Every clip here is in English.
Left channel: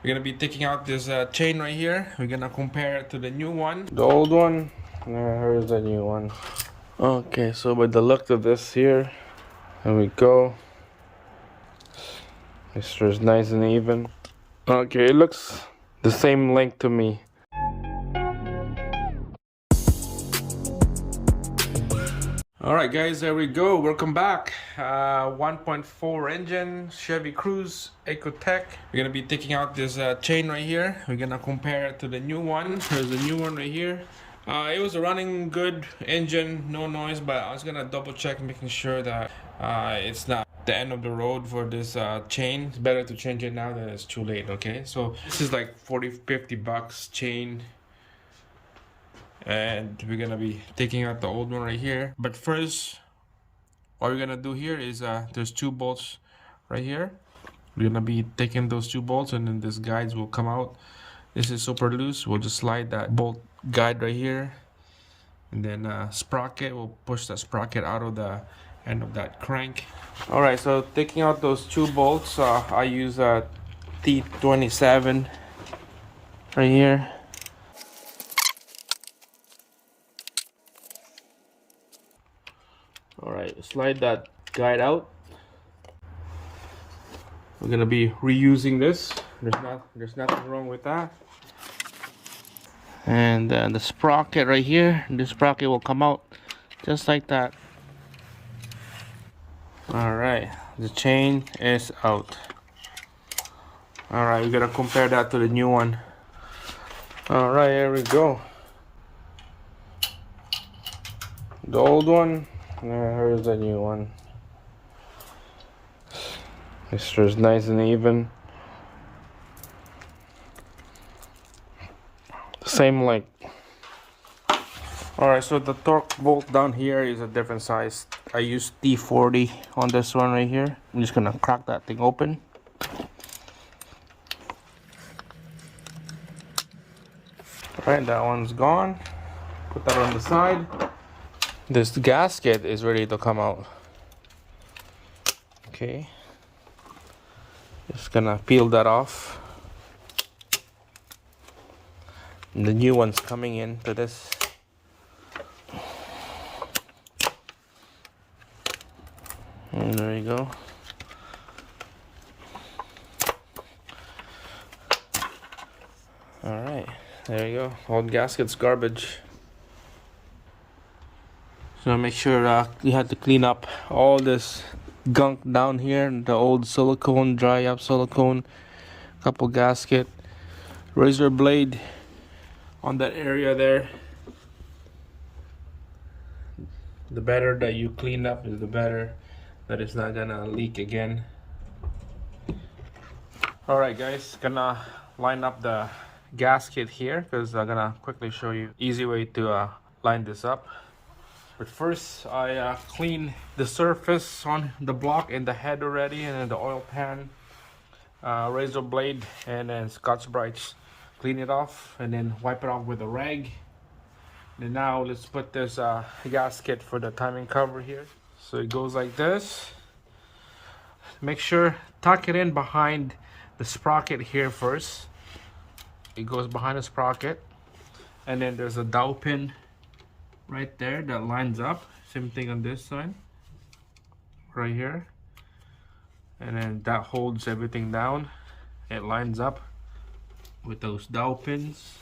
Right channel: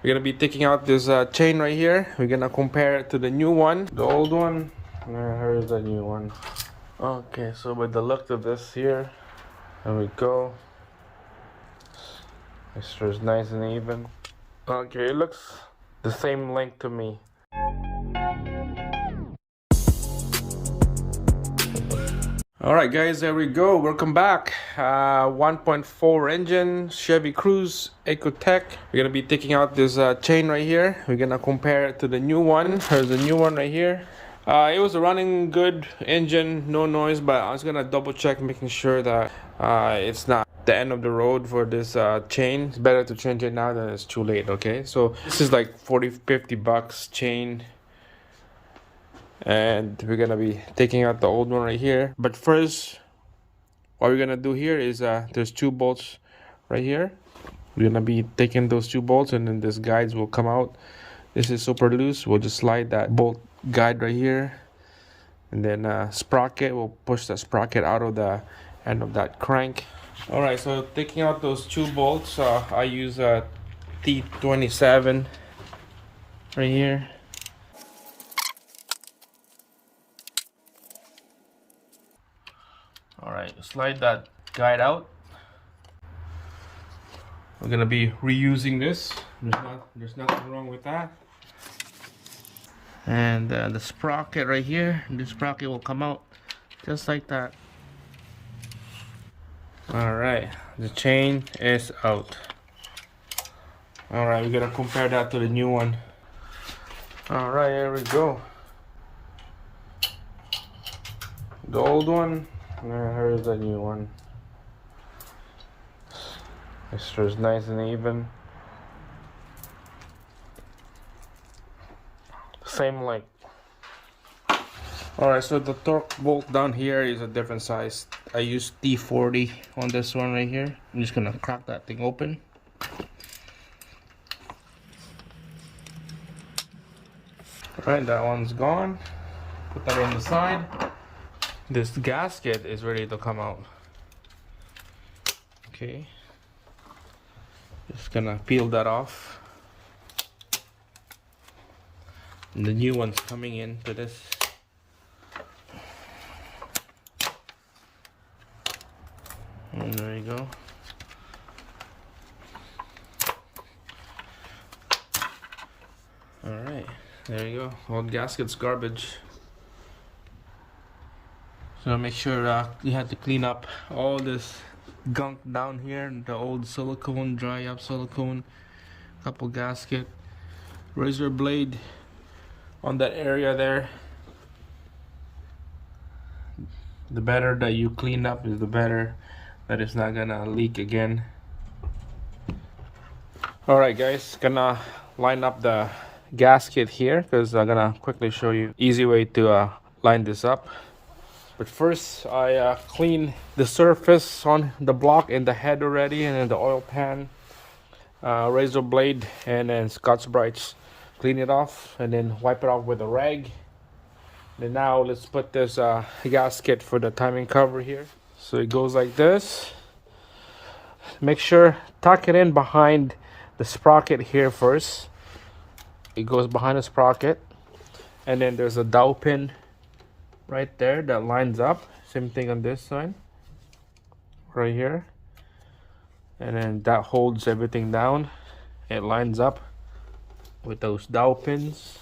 We're gonna be taking out this chain right here. We're gonna compare it to the new one. The old one, here's the new one. Okay, so with the look of this here, there we go. This is nice and even. Okay, it looks the same length to me. Alright guys, there we go. Welcome back. 1.4 engine, Chevy Cruze, Ecotech. We're gonna be taking out this chain right here. We're gonna compare it to the new one. There's the new one right here. It was a running good engine, no noise, but I was gonna double check, making sure that it's not the end of the road for this chain. It's better to change it now than it's too late, okay? So this is like 40-50 bucks chain. And we're gonna be taking out the old one right here. But first, what we're gonna do here is there's two bolts right here. We're gonna be taking those two bolts, and then this guides will come out. This is super loose. We'll just slide that bolt guide right here, and then sprocket, we'll push the sprocket out of the end of that crank. All right, so taking out those two bolts, I use a T27 right here. All right, slide that guide out. We're gonna be reusing this. There's nothing wrong with that. And the sprocket right here, this sprocket will come out just like that. All right, the chain is out. All right, we're gonna compare that to the new one. All right, here we go. The old one, here's the new one. This is nice and even. Same length. Alright, so the torque bolt down here is a different size. I use T40 on this one right here. I'm just gonna crack that thing open. Alright, that one's gone. Put that on the side. This gasket is ready to come out. Okay. Just gonna peel that off. And the new one's coming into this. And there you go. Alright, there you go. Old gasket's garbage. So make sure you have to clean up all this gunk down here, the old silicone, dry up silicone, couple gasket, razor blade on that area there. The better that you clean up is the better that it's not gonna leak again. Alright guys, gonna line up the gasket here because I'm gonna quickly show you easy way to line this up. But first, I clean the surface on the block and the head already, and then the oil pan, razor blade, and then Scotch-Brites. Clean it off, and then wipe it off with a rag. And now let's put this gasket for the timing cover here. So it goes like this. Make sure tuck it in behind the sprocket here first. It goes behind the sprocket, and then there's a dowel pin right there that lines up. Same thing on this side right here, and then that holds everything down. It lines up with those dowel pins.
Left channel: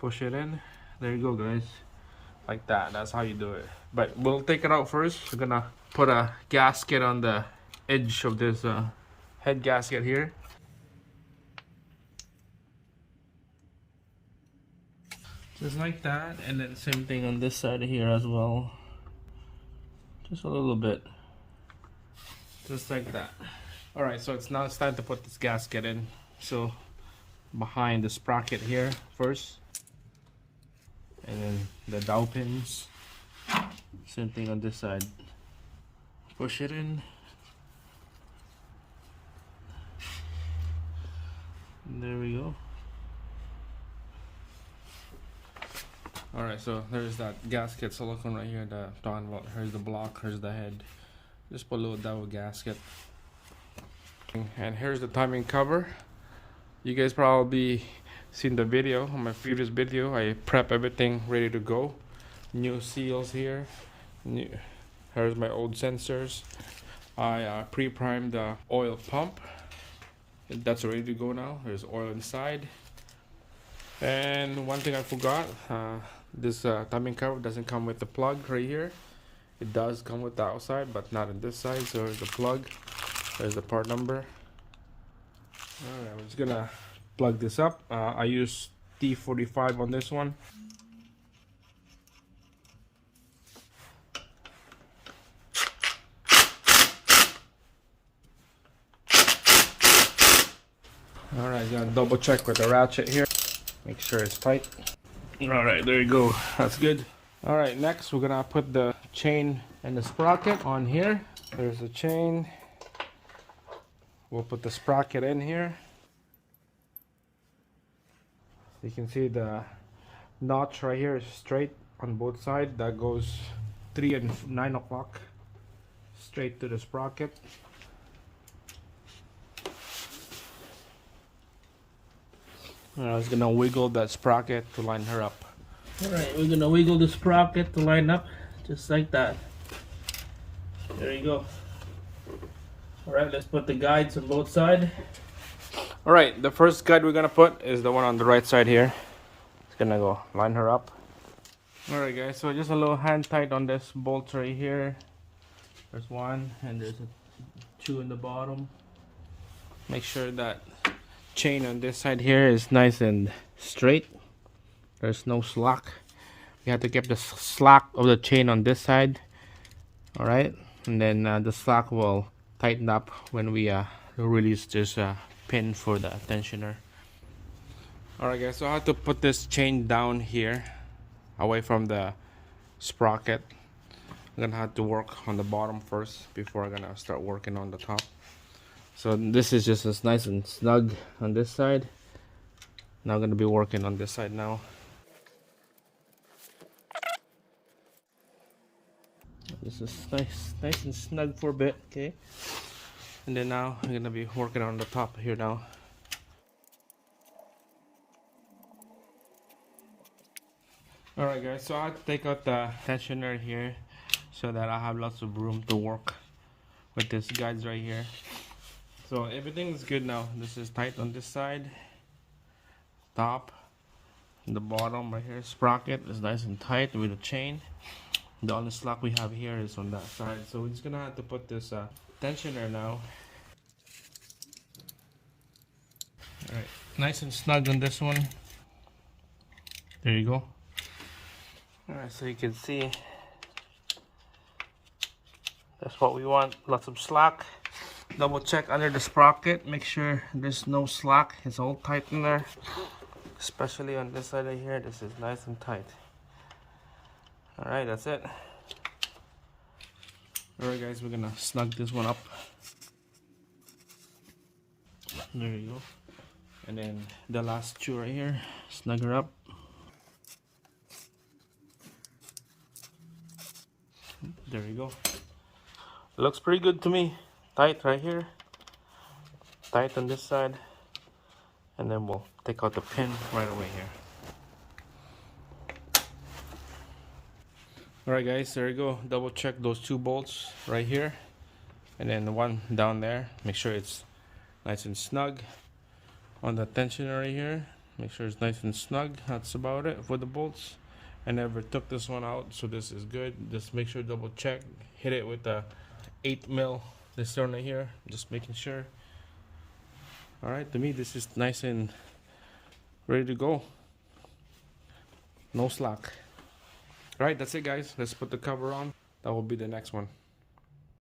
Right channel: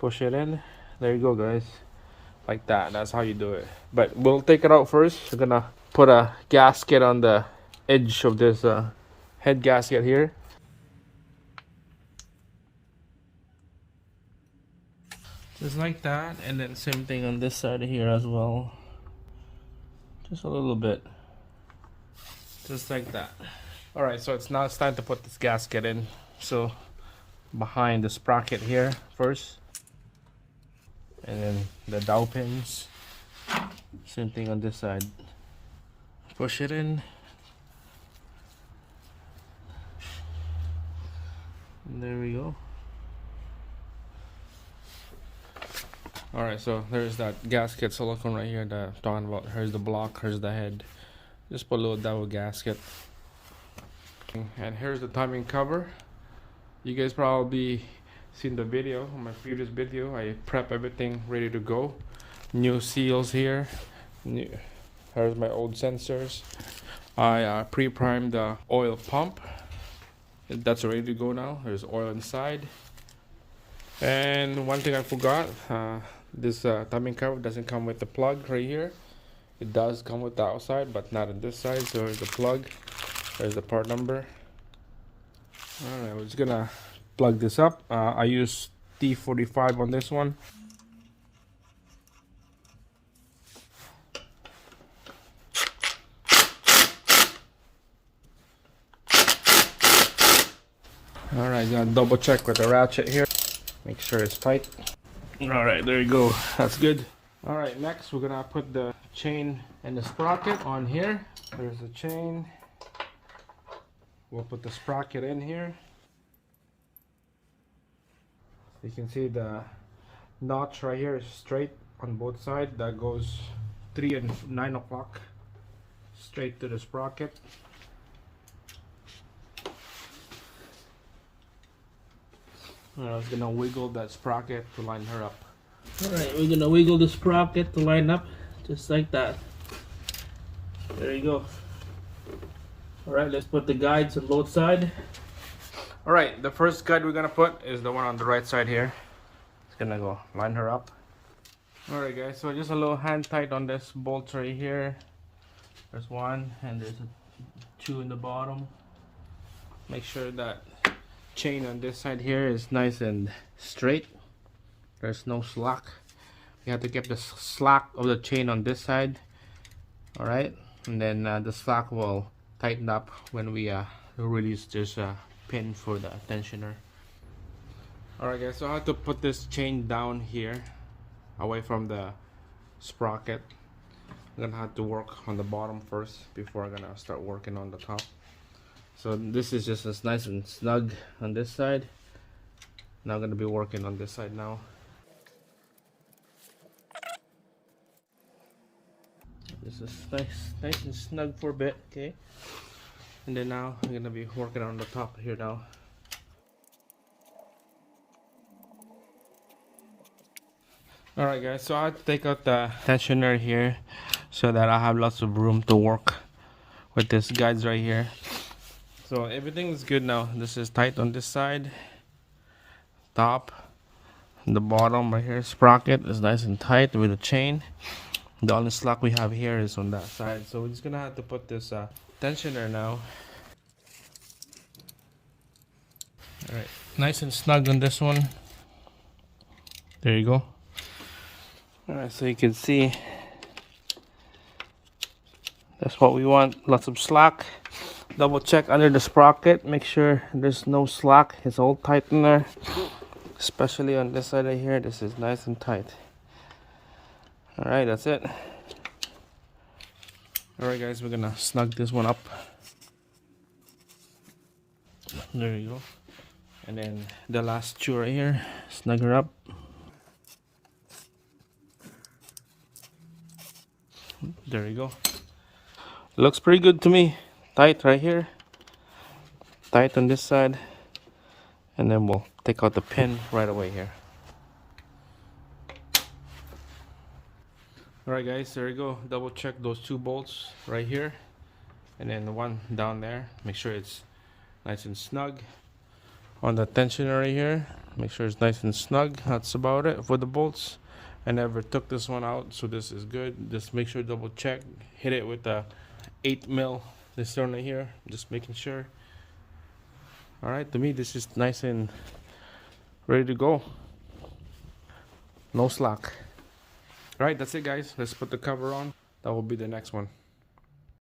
Push it in. There you go guys, like that. That's how you do it. But we'll take it out first. We're gonna put a gasket on the edge of this head gasket here. Just like that, and then same thing on this side here as well. Just a little bit. Just like that. Alright, so it's time to put this gasket in. So behind the sprocket here first. And then the dowel pins. Same thing on this side. Push it in. And there we go. Alright, so there's that gasket silicone right here that I'm talking about. Here's the block, here's the head. Just put a little dowel gasket. And here's the timing cover. You guys probably seen the video, on my previous video. I prep everything ready to go. New seals here. Here's my old sensors. I pre-primed the oil pump. That's ready to go now. There's oil inside. And one thing I forgot, this timing cover doesn't come with the plug right here. It does come with the outside, but not on this side. So there's the plug. There's the part number. Alright, we're just gonna plug this up. I use T45 on this one. Alright, gonna double check with the ratchet here. Make sure it's tight. Alright, there you go. That's good. Alright, next we're gonna put the chain and the sprocket on here. There's the chain. We'll put the sprocket in here. You can see the notch right here is straight on both sides. That goes 3 and 9 o'clock straight to the sprocket. I was gonna wiggle that sprocket to line her up. Alright, we're gonna wiggle the sprocket to line up just like that. There you go. Alright, let's put the guides on both sides. Alright, the first guide we're gonna put is the one on the right side here. It's gonna go line her up. Alright guys, so just a little hand tight on this bolt right here. There's one and there's two in the bottom. Make sure that chain on this side here is nice and straight. There's no slack. You have to keep the slack of the chain on this side. Alright, and then the slack will tighten up when we release this pin for the tensioner. Alright guys, so I have to put this chain down here away from the sprocket. I'm gonna have to work on the bottom first before I'm gonna start working on the top. So this is just as nice and snug on this side. Now I'm gonna be working on this side now. This is nice and snug for a bit, okay? And then now I'm gonna be working on the top here now. Alright guys, so I have to take out the tensioner here so that I have lots of room to work with these guides right here. So everything is good now. This is tight on this side, top, and the bottom right here. Sprocket is nice and tight with the chain. The only slack we have here is on that side. So we're just gonna have to put this tensioner now. Alright, nice and snug on this one. There you go. Alright, so you can see that's what we want. Lots of slack. Double check under the sprocket, make sure there's no slack. It's all tight in there, especially on this side right here. This is nice and tight. Alright, that's it. Alright guys, we're gonna snug this one up. There you go. And then the last two right here, snug her up. There you go. Looks pretty good to me. Tight right here, tight on this side, and then we'll take out the pin right away here. Alright guys, there you go. Double check those two bolts right here and then the one down there. Make sure it's nice and snug. On the tensioner right here, make sure it's nice and snug. That's about it for the bolts. I never took this one out, so this is good. Just make sure, double check, hit it with a 8mm this one right here, just making sure. Alright, to me this is nice and ready to go. No slack. Alright, that's it guys. Let's put the cover on. That will be the next one.